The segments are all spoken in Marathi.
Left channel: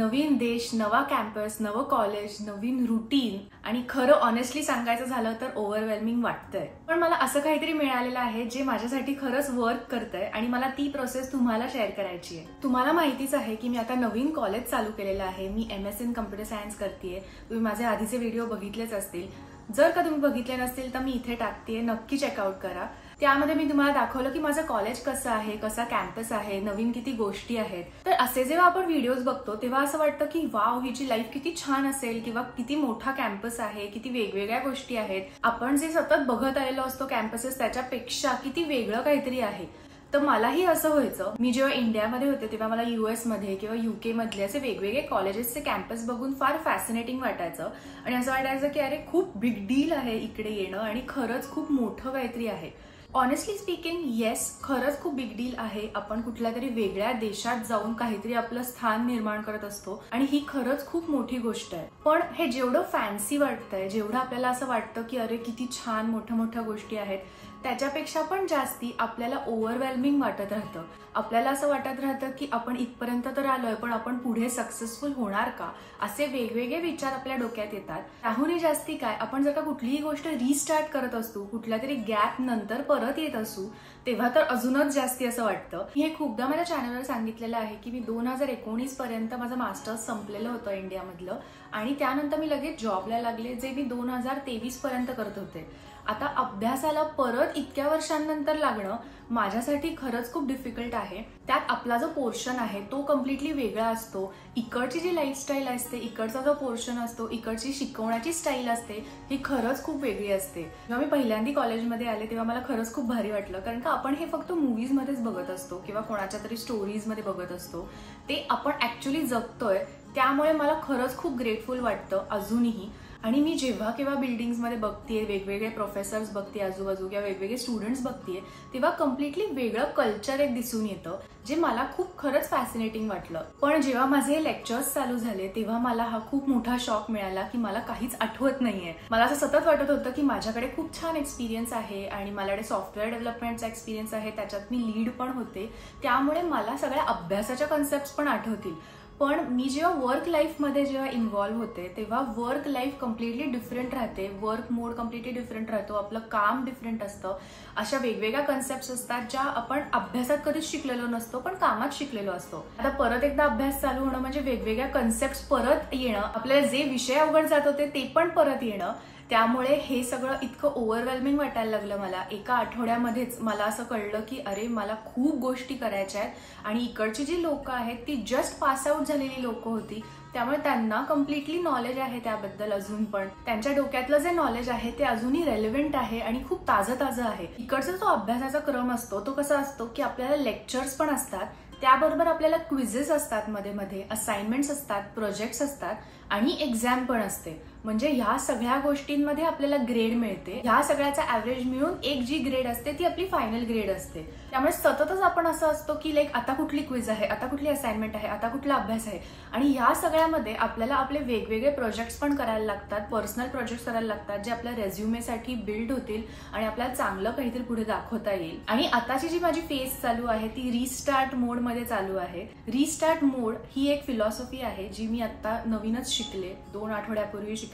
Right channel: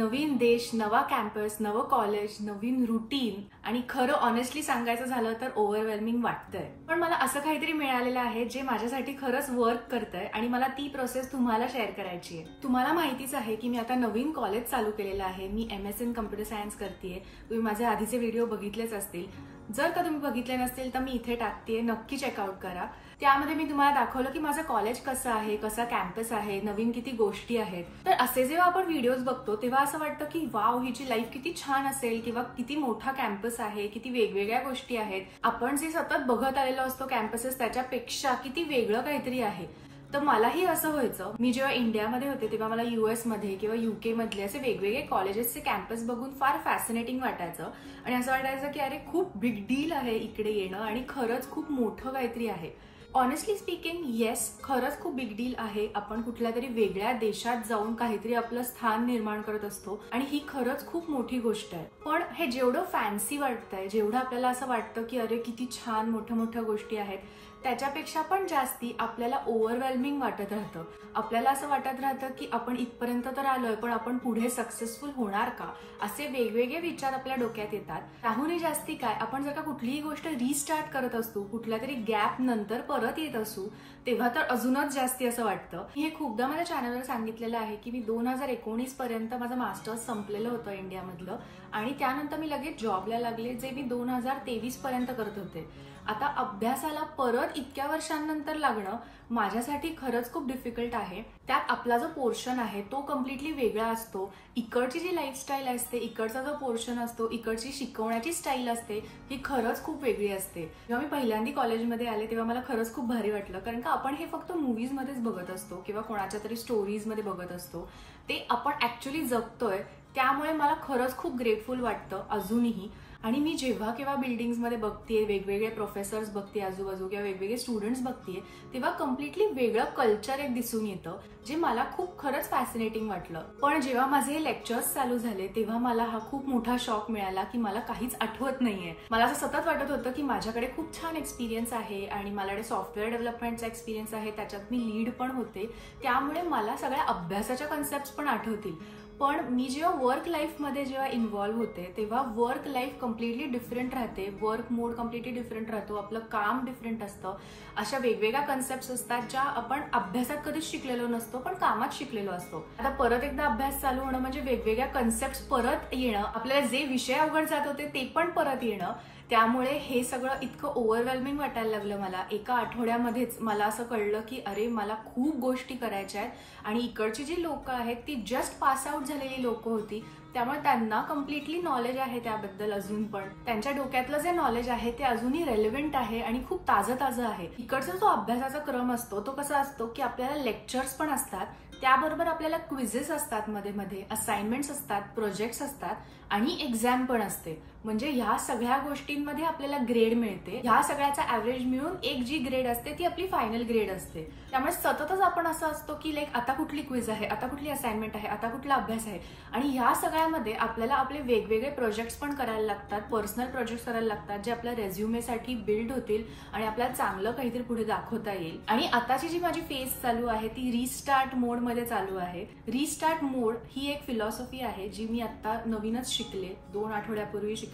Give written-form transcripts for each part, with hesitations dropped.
नवीन देश, नवा कॅम्पस, नवं कॉलेज, नवीन रुटीन आणि खरं ऑनेस्टली सांगायचं झालं तर ओव्हरवेल्मिंग वाटतंय. पण मला असं काहीतरी मिळालेलं आहे जे माझ्यासाठी खरंच वर्क करतंय आणि मला ती प्रोसेस तुम्हाला शेअर करायची आहे. तुम्हाला माहितीच आहे की मी आता नवीन कॉलेज चालू केलेलं आहे. मी MS in कम्प्युटर सायन्स करतेय. तुम्ही माझे आधीचे व्हिडिओ बघितलेच असतील. जर का तुम्ही बघितले नसतील तर मी इथे टाकतेय, नक्की चेकआउट करा. त्यामध्ये मी तुम्हाला दाखवलं की माझं कॉलेज कसं आहे, कसा कॅम्पस आहे, नवीन किती गोष्टी आहेत. तर असे जेव्हा आपण व्हिडिओज बघतो तेव्हा असं वाटतं की वाव, हिची लाईफ किती छान असेल किंवा किती मोठा कॅम्पस आहे, किती वेगवेगळ्या गोष्टी आहेत. आपण जे सतत बघत आलेलो असतो कॅम्पसेस त्याच्यापेक्षा किती वेगळं काहीतरी आहे. तर मलाही असं व्हायचं. मी जेव्हा इंडियामध्ये होते तेव्हा मला US मध्ये किंवा UK मधले असे वेगवेगळे कॉलेजेसचे कॅम्पस बघून फार फॅसिनेटिंग वाटायचं आणि असं वाटायचं की अरे खूप बिग डील आहे इकडे येणं आणि खरंच खूप मोठं काहीतरी आहे. ऑनेस्टली स्पीकिंग, येस, खरंच खूप बिग डील आहे. आपण कुठल्या तरी वेगळ्या देशात जाऊन काहीतरी आपलं स्थान निर्माण करत असतो आणि ही खरंच खूप मोठी गोष्ट आहे. पण हे जेवढं फॅन्सी वाटतंय, जेवढं आपल्याला असं वाटतं की अरे किती छान मोठ्या मोठ्या गोष्टी आहेत, त्याच्यापेक्षा पण जास्ती आपल्याला ओव्हरवेल्मिंग वाटत राहतं. आपल्याला असं वाटत राहतं की आपण इथपर्यंत तर आलोय, पण आपण पुढे सक्सेसफुल होणार का, असे वेगवेगळे विचार आपल्या डोक्यात येतात. त्याहूनही जास्ती काय, आपण जर का कुठलीही गोष्ट रिस्टार्ट करत असतो, कुठल्या तरी गॅप नंतर परत येत असू, तेव्हा तर अजूनच जास्ती असं वाटतं. हे खूपदा माझ्या चॅनलवर सांगितलेलं आहे की मी 2019 पर्यंत माझं मास्टर्स संपलेलं होतं इंडियामधलं आणि त्यानंतर मी लगेच जॉबला लागले, जे मी 2023 पर्यंत करत होते. आता अभ्यासाला परत इतक्या वर्षांनंतर लागणं माझ्यासाठी खरंच खूप डिफिकल्ट आहे. त्यात आपला जो पोर्शन आहे तो कम्प्लिटली वेगळा असतो. इकडची जी लाईफस्टाईल असते, इकडचा जो पोर्शन असतो, इकडची शिकवण्याची स्टाईल असते, ही खरंच खूप वेगळी असते. जेव्हा मी पहिल्यांदा कॉलेजमध्ये आले तेव्हा मला खरंच खूप भारी वाटलं, कारण का आपण हे फक्त मूवीजमध्येच बघत असतो किंवा कोणाच्या तरी स्टोरीजमध्ये बघत असतो. ते आपण ऍक्च्युअली जगतोय. त्यामुळे मला खरंच खूप ग्रेटफुल वाटतं अजूनही. आणि मी जेव्हा केव्हा बिल्डिंग्समध्ये बघतेय, वेगवेगळे प्रोफेसर्स बघते आजूबाजू किंवा वेगवेगळे स्टुडंट्स बघतेय, तेव्हा कम्प्लिटली वेगळं कल्चर एक दिसून येतं, जे मला खूप खरंच फॅसिनेटिंग वाटलं. पण जेव्हा माझे लेक्चर्स चालू झाले तेव्हा मला हा खूप मोठा शॉक मिळाला की मला काहीच आठवत नाहीये. मला असं सतत वाटत होतं की माझ्याकडे खूप छान एक्सपिरियन्स आहे आणि माझ्याकडे सॉफ्टवेअर डेव्हलपमेंटचा एक्सपिरियन्स आहे, त्याच्यात मी लीड पण होते, त्यामुळे मला सगळ्या अभ्यासाच्या कन्सेप्ट पण आठवतील. पण मी जेव्हा वर्क लाईफमध्ये जेव्हा इन्व्हॉल्व्ह होते तेव्हा वर्क लाईफ कम्प्लिटली डिफरंट राहते. वर्क मोड कम्प्लिटली डिफरंट राहतो. आपलं काम डिफरंट असतं. अशा वेगवेगळ्या कन्सेप्ट असतात ज्या आपण अभ्यासात कधीच शिकलेलो नसतो पण कामात शिकलेलो असतो. आता परत एकदा अभ्यास चालू होणं म्हणजे वेगवेगळ्या कन्सेप्ट परत येणं, आपल्याला जे विषय अवघड जात होते ते पण परत येणं. त्यामुळे हे सगळं इतकं ओव्हरवेल्मिंग वाटायला लागलं मला. एका आठवड्यामध्येच मला असं कळलं की अरे मला खूप गोष्टी करायच्या आहेत आणि इकडची जी लोक आहेत ती जस्ट पास आउट झालेली लोक होती, त्यामुळे त्यांना कम्प्लिटली नॉलेज आहे त्याबद्दल अजून पण. त्यांच्या डोक्यातलं जे नॉलेज आहे ते अजूनही रेलेव्हंट आहे आणि खूप ताजं आहे. इकडचा जो अभ्यासाचा क्रम असतो तो कसा असतो की आपल्याला लेक्चर्स पण असतात, त्याबरोबर आपल्याला क्विझेस असतात, मध्ये मध्ये असाइनमेंट्स असतात, प्रोजेक्ट्स असतात आणि एक्झाम पण असते. म्हणजे ह्या सगळ्या गोष्टींमध्ये आपल्याला ग्रेड मिळते. ह्या सगळ्याचा ऍव्हरेज मिळून एक जी ग्रेड असते ती आपली फायनल ग्रेड असते. त्यामुळे सततच आपण असं असतो की लाईक आता कुठली क्विज आहे, आता कुठली असाइनमेंट आहे, आता कुठला अभ्यास आहे. आणि ह्या सगळ्यामध्ये आपल्याला आपले वेगवेगळे प्रोजेक्ट्स पण करायला लागतात, पर्सनल प्रोजेक्ट्स करायला लागतात, जे आपल्या रेझ्युमेसाठी बिल्ड होतील आणि आपल्याला चांगलं काहीतरी पुढे दाखवता येईल. आणि आताची जी माझी फेज चालू आहे ती रिस्टार्ट मोडमध्ये चालू आहे. रिस्टार्ट मोड ही एक फिलॉसॉफी आहे जी मी आता नवीनच शिकले, 2 आठवड्यापूर्वी शिकले.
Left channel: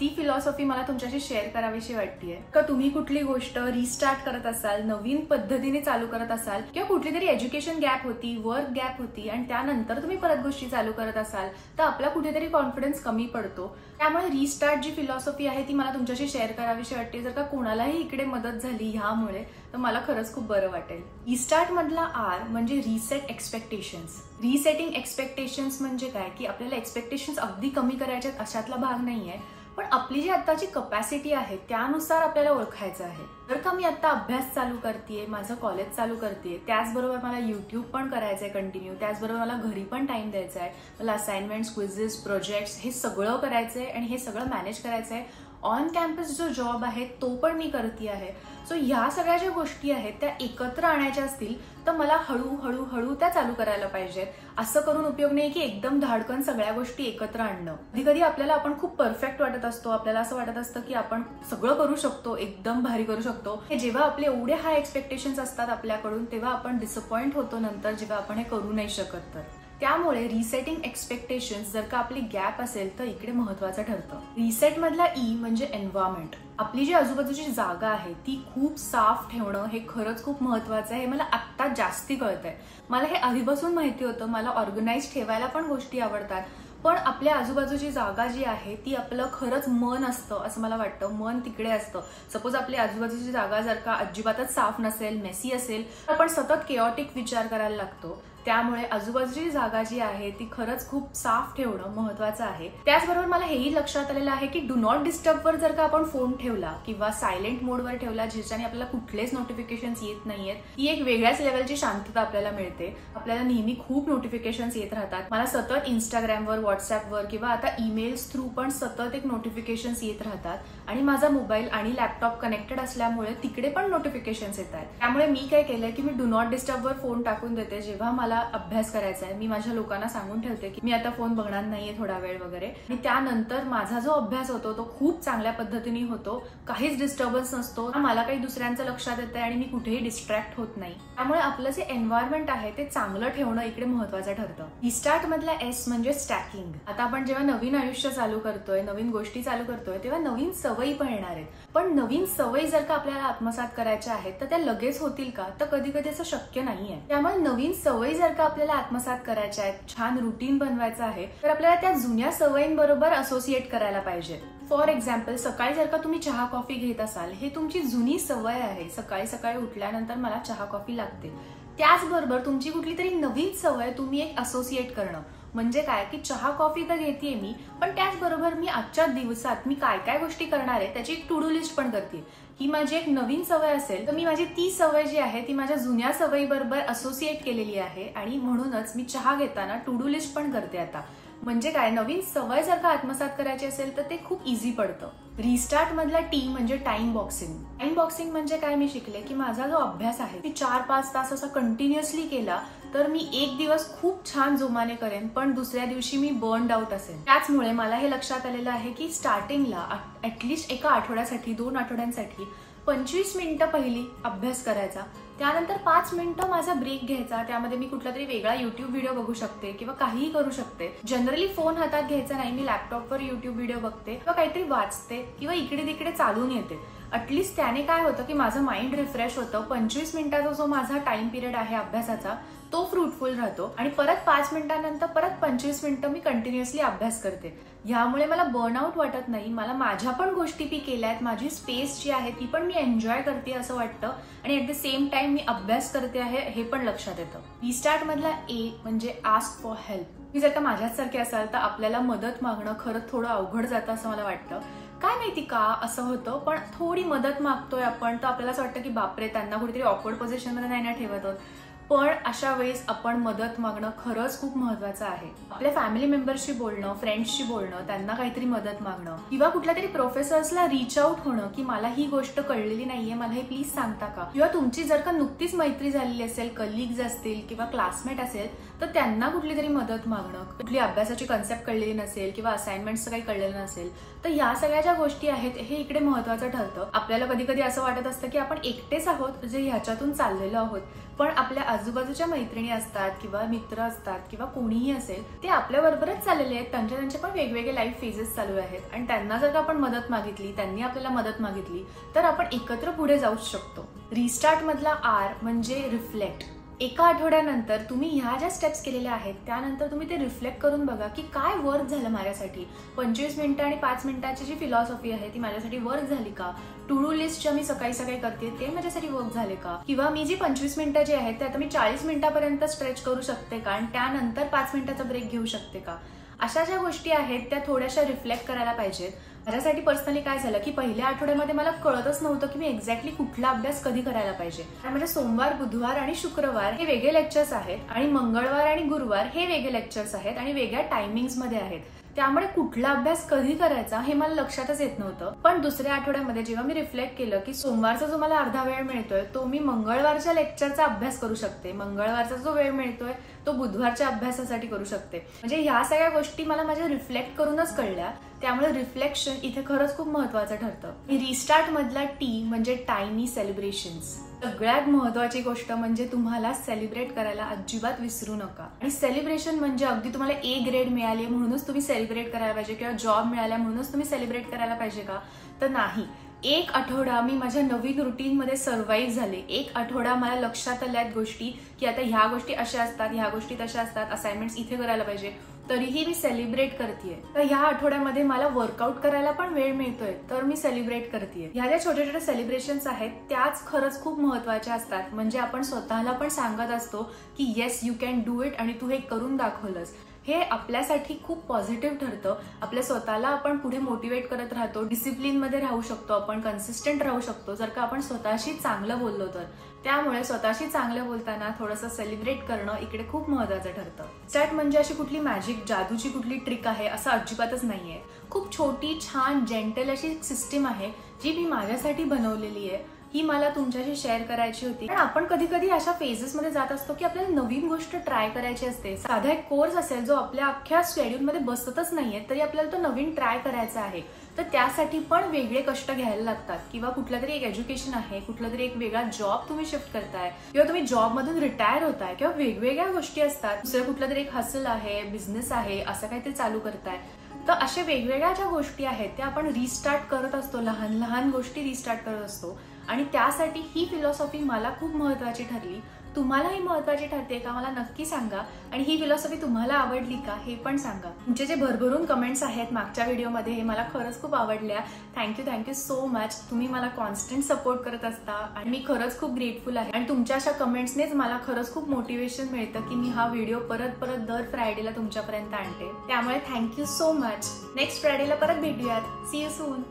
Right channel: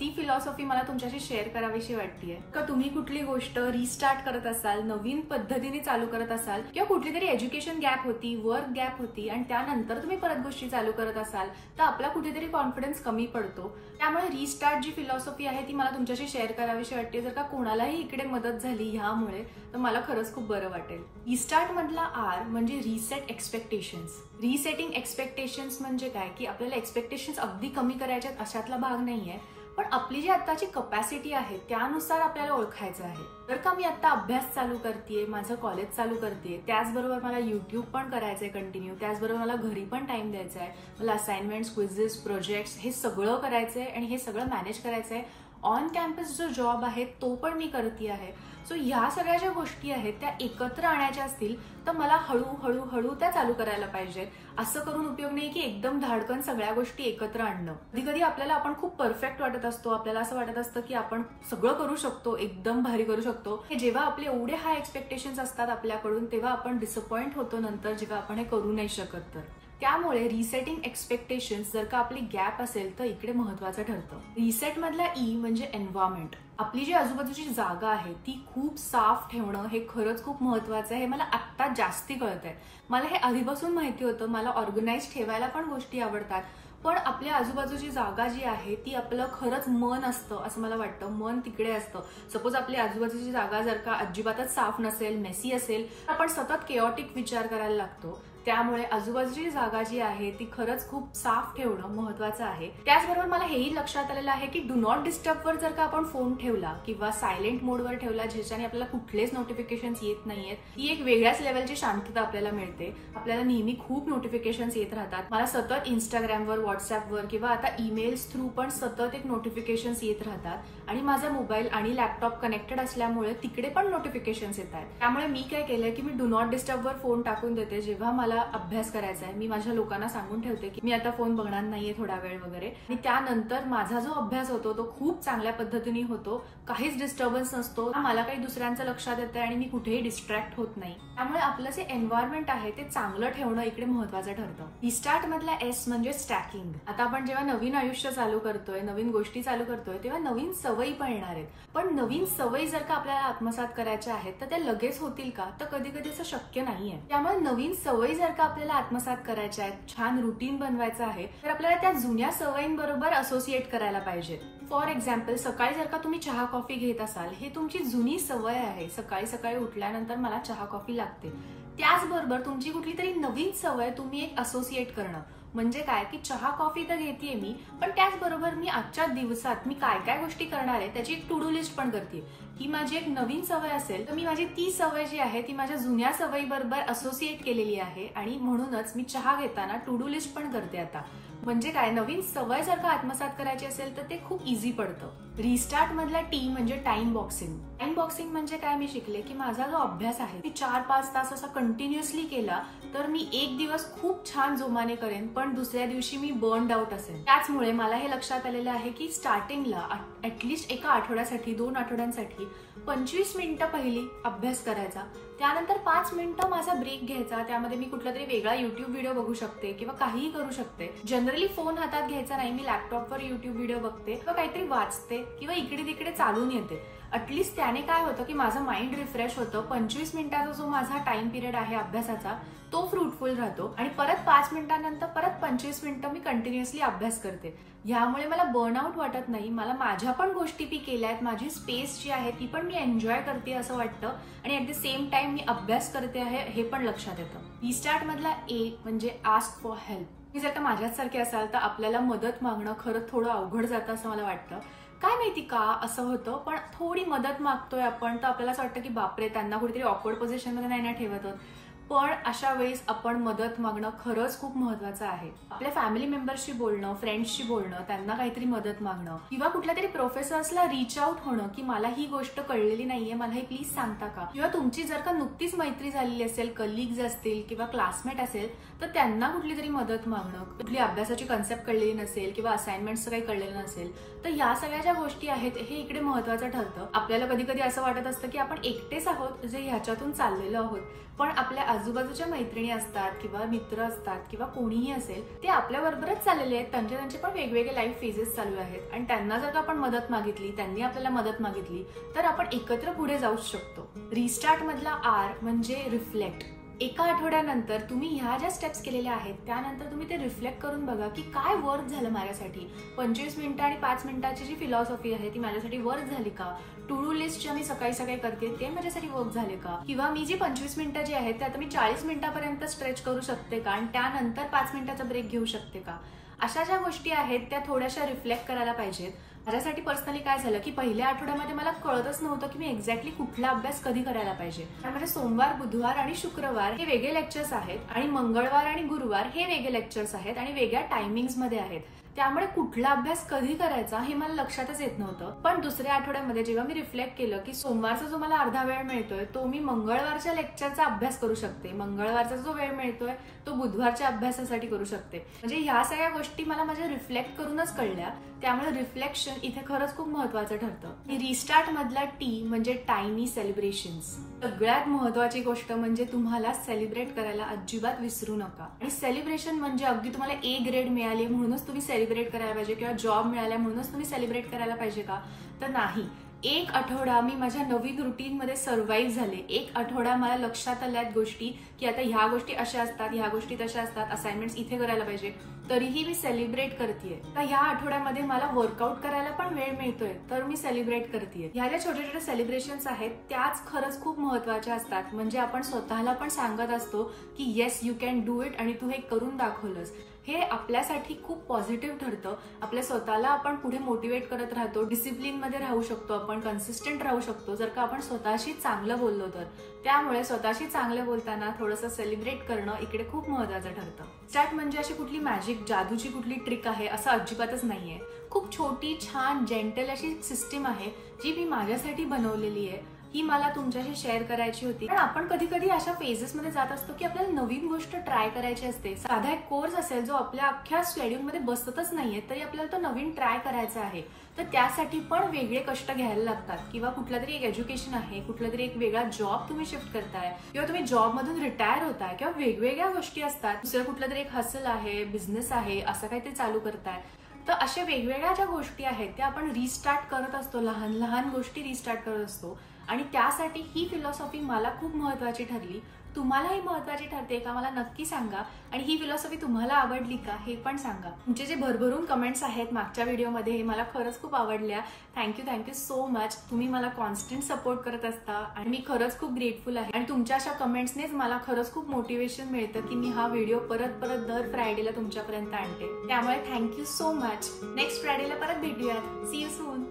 ती फिलॉसॉफी मला तुमच्याशी शेअर करावीशी वाटतेय. का तुम्ही कुठली गोष्ट रिस्टार्ट करत असाल, नवीन पद्धतीने चालू करत असाल किंवा कुठली तरी एज्युकेशन गॅप होती, वर्क गॅप होती आणि त्यानंतर तुम्ही परत गोष्टी चालू करत असाल तर आपला कुठेतरी कॉन्फिडन्स कमी पडतो. त्यामुळे रिस्टार्ट जी फिलॉसॉफी आहे ती मला तुमच्याशी शेअर करावीशी वाटते. जर का कोणालाही इकडे मदत झाली ह्यामुळे तर मला खरंच खूप बरं वाटेल. रिस्टार्ट मधला R म्हणजे रिसेट एक्सपेक्टेशन्स. रिसेटिंग एक्सपेक्टेशन्स म्हणजे काय की आपल्याला एक्सपेक्टेशन्स अगदी कमी करायच्यात अशातला भाग नाहीये, पण आपली जी आताची कपॅसिटी आहे त्यानुसार आपल्याला ओळखायचं आहे. जर का मी आता अभ्यास चालू करतेय, माझं कॉलेज चालू करतेय, त्याचबरोबर मला युट्यूब पण करायचंय कंटिन्यू, त्याचबरोबर मला घरी पण टाइम द्यायचा आहे, मला असाइनमेंट्स, क्विझेस, प्रोजेक्ट्स हे सगळं करायचंय आणि हे सगळं मॅनेज करायचंय. ऑन कॅम्पस जो जॉब आहे तो पण मी करते आहे. सो ह्या सगळ्या ज्या गोष्टी आहेत त्या एकत्र आणायच्या असतील तर मला हळूहळू त्या चालू करायला पाहिजेत. असं करून उपयोग नाही की एकदम धाडकन सगळ्या गोष्टी एकत्र आणणं. कधी कधी आपल्याला आपण खूप परफेक्ट वाटत असतो, आपल्याला असं वाटत असतं की आपण सगळं करू शकतो, एकदम भारी करू शकतो. हे जेव्हा आपले एवढे हाय एक्सपेक्टेशन्स असतात आपल्याकडून तेव्हा आपण डिसअपॉइंट होतो नंतर, जेव्हा आपण हे करू नाही शकत तर. त्यामुळे रिसेटिंग एक्सपेक्टेशन्स जर का आपली गॅप असेल तर इकडे महत्वाचं ठरतं. रिसेट मधला ई म्हणजे एन्व्हायरमेंट. आपली जी आजूबाजूची जागा आहे ती खूप साफ ठेवणं हे खरंच खूप महत्वाचं आहे. हे मला आत्ता जास्ती कळतंय. मला हे आधीपासून माहिती होतं. मला ऑर्गनाइज ठेवायला पण गोष्टी आवडतात, पण आपल्या आजूबाजूची जागा जी आहे ती आपलं खरंच मन असतं असं मला वाटतं. मन तिकडे असतं. सपोज आपली आजूबाजूची जागा जर का अजिबातच साफ नसेल, मेसी असेल, तर आपण सतत केओटिक विचार करायला लागतो. त्यामुळे आजूबाजूची जागा जी आहे ती खरंच खूप साफ ठेवणं महत्वाचं आहे. त्याचबरोबर मला हेही लक्षात आलेलं आहे की डू नॉट डिस्टर्बवर जर का आपण फोन ठेवला किंवा सायलेंट मोडवर ठेवला, ज्याच्याने आपल्याला कुठलेच नोटिफिकेशन्स येत नाहीयेत, ही एक वेगळ्याच लेवलची शांतता आपल्याला मिळते. आपल्याला नेहमी खूप नोटिफिकेशन्स येत राहतात. मला सतत इंस्टाग्रामवर, व्हॉट्सअपवर किंवा आता ईमेल्स थ्रू पण सतत एक नोटिफिकेशन्स येत राहतात आणि माझा मोबाईल आणि लॅपटॉप कनेक्टेड असल्यामुळे तिकडे पण नोटिफिकेशन्स येत आहेत. त्यामुळे मी काय केलंय की मी डू नॉट डिस्टर्बवर फोन टाकून देते. जेव्हा मला अभ्यास करायचा आहे मी माझ्या लोकांना सांगून ठेवते की मी आता फोन बघणार नाहीये थोडा वेळ वगैरे, आणि त्यानंतर माझा जो अभ्यास होतो तो खूप चांगल्या पद्धतीने होतो. काहीच डिस्टर्बन्स नसतो. मला काही दुसऱ्यांचं लक्षात येतंय आणि मी कुठेही डिस्ट्रॅक्ट होत नाही. त्यामुळे आपलं जे एन्व्हायरमेंट आहे ते चांगलं ठेवणं इकडे महत्वाचं ठरतं. रिस्टार्ट मधला एस म्हणजे स्टॅकिंग. आता आपण जेव्हा नवीन आयुष्य चालू करतोय, नवीन गोष्टी चालू करतोय, तेव्हा नवीन सवयी पण येणार आहेत. पण नवीन सवयी जर का आपल्याला आत्मसात करायच्या आहेत तर त्या लगेच होतील का? तर कधी कधी असं शक्य नाहीये. त्यामुळे नवीन सवयी जर का आपल्याला आत्मसात करायच्या आहेत, छान रुटीन बनवायचं आहे, तर आपल्याला त्या जुन्या सवयींबरोबर असोसिएट करायला पाहिजेत. फॉर एक्झाम्पल, सकाळी जर का तुम्ही चहा कॉफी घेत असाल, हे तुमची जुनी सवय आहे. सकाळी सकाळी उठल्यानंतर मला चहा कॉफी लागते. त्याचबरोबर तुमची कुठली तरी नवीन सवय तुम्ही एक असोसिएट करणं. म्हणजे काय की चहा कॉफी तर घेतेय मी, पण त्याचबरोबर मी आजच्या दिवसात मी काय काय गोष्टी करणार आहे त्याची एक टू डू लिस्ट पण करते. ही माझी एक नवीन सवय असेल तर मी माझी ती सवय जी आहे ती माझ्या जुन्या सवयीबरोबर असोसिएट केलेली आहे आणि म्हणूनच मी चहा घेताना टू डू लिस्ट पण करते आता. म्हणजे काय, नवीन सवय जर का आत्मसात करायची असेल तर ते खूप इझी पडतं. रिस्टार्ट मधला टी म्हणजे टाइम बॉक्सिंग. टाइम बॉक्सिंग म्हणजे काय, मी शिकले की माझा जो अभ्यास आहे ती 4-5 तास असा कंटिन्युअसली केला तर मी एक दिवस खूप छान जोमाने करेन, पण दुसऱ्या दिवशी मी बर्नड आउट असेल. त्याचमुळे मला हे लक्षात आलेलं आहे की स्टार्टिंगला ऍटलिस्ट एका आठवड्यासाठी, 2 आठवड्यांसाठी 25 मिनिटं पहिली अभ्यास करायचा. त्यानंतर 5 मिनिटं माझा ब्रेक घ्यायचा. त्यामध्ये मी कुठला तरी वेगळा युट्यूब व्हिडिओ बघू शकते किंवा काहीही करू शकते. जनरली फोन हातात घ्यायचा नाही. मी लॅपटॉपवर युट्यूब व्हिडिओ बघते किंवा काहीतरी वाचते किंवा इकडे तिकडे चालून येते. अटलिस्ट त्याने काय होतं की माझं माइंड रिफ्रेश होतं. 25 मिनिटाचा जो माझा टाइम पिरियड आहे अभ्यासाचा तो फ्रुटफुल राहतो आणि परत 5 मिनिटांनंतर परत 25 मिनिटं मी कंटिन्युअसली अभ्यास करते. यामुळे मला बर्नआउट वाटत नाही. मला माझ्या पण गोष्टी मी केल्यात. माझी स्पेस जी आहे ती पण मी एन्जॉय करते असं वाटतं आणि ऍट द सेम टाइम मी अभ्यास करते आहे हे पण लक्षात येतं. रिस्टार्ट मधला ए म्हणजे आस्क फॉर हेल्प. तुम्ही जर का माझ्यासारखे असाल तर आपल्याला मदत मागणं खरंच थोडं अवघड जातं असं मला वाटतं. काय माहिती का असं होतं, पण थोडी मदत मागतोय आपण तर आपल्याला असं वाटतं की बापरे, त्यांना कुठेतरी ऑकवर्ड पोझिशन मध्ये नाही ना ठेवत आहोत. पण अशा वेळेस आपण मदत मागणं खरंच खूप महत्वाचं आहे. आपल्या फॅमिली मेंबर्सशी बोलणं, फ्रेंड्सशी बोलणं, त्यांना काहीतरी मदत मागणं किंवा कुठल्या तरी प्रोफेसर्सला रीच आउट होणं की मला ही गोष्ट कळलेली नाहीये, मला हे प्लीज सांगता का? किंवा तुमची जर का नुकतीच मैत्री झालेली असेल, कलिग्स असतील किंवा क्लासमेट असेल तर त्यांना कुठली तरी मदत मागणं. कुठली अभ्यासाची कन्सेप्ट कळलेली नसेल किंवा असाइनमेंटचं काही कळलेलं नसेल तर या सगळ्या ज्या गोष्टी आहेत हे इकडे महत्वाचं ठरतं. आपल्याला कधी कधी असं वाटत असतं की आपण एकटेच आहोत जे ह्याच्यातून चाललेलो आहोत, पण आपल्या आजूबाजूच्या मैत्रिणी असतात किंवा मित्र असतात किंवा कोणीही असेल ते आपल्या बरोबरच चाललेले आहेत. त्यांचे पण वेगवेगळे लाईफ फेजेस चालू आहेत आणि त्यांना जर का आपण मदत मागितली, त्यांनी आपल्याला मदत मागितली तर आपण एकत्र पुढे जाऊच शकतो. रिस्टार्ट मधला आर म्हणजे रिफ्लेक्ट. एका आठवड्यानंतर तुम्ही ह्या ज्या स्टेप्स केलेल्या आहेत त्यानंतर तुम्ही ते रिफ्लेक्ट करून बघा की काय वर्क झालं माझ्यासाठी. 25 मिनिटं आणि 5 मिनिटाची जी फिलॉसॉफी आहे ती माझ्यासाठी वर्क झाली का? टू डू लिस्ट ज्या मी सकाळी सकाळी करते ते माझ्यासाठी वर्क झाले का? किंवा मी जी 25 मिनिटं जी आहेत ते आता मी 40 मिनिटापर्यंत स्ट्रेच करू शकते का आणि त्यानंतर 5 मिनिटाचा ब्रेक घेऊ शकते का? अशा ज्या गोष्टी आहेत त्या थोड्याशा रिफ्लेक्ट करायला पाहिजेत. माझ्यासाठी पर्सनली काय झालं की पहिल्या आठवड्यामध्ये मला कळतच नव्हतं की मी एक्झॅक्टली कुठला अभ्यास कधी करायला पाहिजे. म्हणजे सोमवार, बुधवार आणि शुक्रवार हे वेगळे लेक्चर्स आहेत आणि मंगळवार आणि गुरुवार हे वेगळे लेक्चर्स आहेत आणि वेगळ्या टायमिंग्स मध्ये आहेत. त्यामुळे कुठला अभ्यास कधी करायचा हे मला लक्षातच येत नव्हतं. पण दुसऱ्या आठवड्यामध्ये जेव्हा मी रिफ्लेक्ट केलं की सोमवारचा जो मला अर्धा वेळ मिळतोय तो मी मंगळवारच्या लेक्चरचा अभ्यास करू शकते, मंगळवारचा जो वेळ मिळतोय तो बुधवारच्या अभ्यासासाठी करू शकते. म्हणजे ह्या सगळ्या गोष्टी मला माझ्या रिफ्लेक्ट करूनच कळल्या. त्यामुळे रिफ्लेक्शन सेलिब्रेशन इथे खरंच खूप महत्वाचं ठरतं. रिस्टार्ट मधला टी म्हणजे टायनी सेलिब्रेशन्स. सगळ्यात महत्वाची गोष्ट म्हणजे तुम्हाला सेलिब्रेट करायला अजिबात विसरू नका. आणि सेलिब्रेशन म्हणजे अगदी तुम्हाला ए ग्रेड मिळाली म्हणूनच तुम्ही सेलिब्रेट करायला पाहिजे किंवा जॉब मिळाला म्हणूनच तुम्ही सेलिब्रेट करायला पाहिजे का, तर नाही. एक आठवडा मी माझ्या नवीन रुटीनमध्ये सर्व्हाइव्ह झाले. एक आठवडा मला लक्षात आल्यात गोष्टी की आता ह्या गोष्टी अशा असतात, ह्या गोष्टी तशा असतात, असाइनमेंट्स इथे करायला पाहिजे, तरीही मी सेलिब्रेट करतेय. तर ह्या आठवड्यामध्ये मला वर्कआउट करायला पण वेळ मिळतोय, तर मी सेलिब्रेट करतेय. ह्या ज्या छोट्या छोट्या सेलिब्रेशन्स आहेत त्याच खरंच खूप महत्वाच्या असतात. म्हणजे आपण स्वतःला पण सांगत असतो की yes you can do it आणि तू हे करून दाखवलंस. हे आपल्यासाठी खूप पॉझिटिव्ह ठरतं. आपल्या स्वतःला आपण पुढे मोटिवेट करत राहतो. डिसिप्लिन मध्ये राहू शकतो, आपण कन्सिस्टंट राहू शकतो जर का आपण स्वतःशी चांगलं बोललो तर. त्यामुळे स्वतःशी चांगलं बोलताना थोडंसं सेलिब्रेट करणं इकडे खूप महत्वाचं ठरतं. स्टार्ट म्हणजे अशी कुठली मॅजिक जादूची कुठली ट्रिक आहे असं अजिबातच नाहीये. खूप छोटी छान जेंटल अशी सिस्टीम आहे जी मी माझ्यासाठी बनवलेली आहे. ही मला तुमच्याशी शेअर करायची होती. पण आपण कधी कधी अशा फेजेसमध्ये जात असतो की आपल्याला नवीन गोष्ट ट्राय करायची असते. साधा एक कोर्स असेल जो आपल्या अख्ख्या शेड्यूलमध्ये बसतच नाहीये तरी आपल्याला तो नवीन ट्राय करायचा आहे, तर त्यासाठी पण वेगळे कष्ट घ्यायला लागतात. किंवा कुठला तरी एक एज्युकेशन आहे, कुठला तरी एक वेगळा जॉब तुम्ही शिफ्ट करताय किंवा तुम्ही जॉब मधून रिटायर होताय किंवा वेगवेगळ्या गोष्टी असतात. दुसरं कुठला तरी एक हसल आहे, बिझनेस आहे, असं काहीतरी चालू करताय. तर अशा वेगवेगळ्या ज्या गोष्टी आहेत त्या आपण रिस्टार्ट करत असतो, लहान लहान गोष्टी रिस्टार्ट करत असतो. आणि त्यासाठी ही फिलॉसॉफी मला खूप महत्वाची ठरली. तुम्हालाही महत्वाची ठरते का मला नक्की सांगा. आणि ही फिलॉसॉफी तुम्हाला आवडली का हे पण सांगा. तुमचे जे भरभरून कमेंट्स आहेत मागच्या व्हिडिओमध्ये हे मला खरंच खूप आवडल्या. Thank you so much. तुम्ही मला कॉन्स्टंट सपोर्ट करत असता आणि मी खरंच खूप ग्रेटफुल आहे. आणि तुमच्या अशा कमेंट्सनेच मला खरंच खूप मोटिवेशन मिळतं की मी हा व्हिडिओ परत परत दर फ्रायडेला तुमच्यापर्यंत आणते. त्यामुळे थँक्यू सो मच. नेक्स्ट फ्रायडेला परत भेटूयात. See you soon.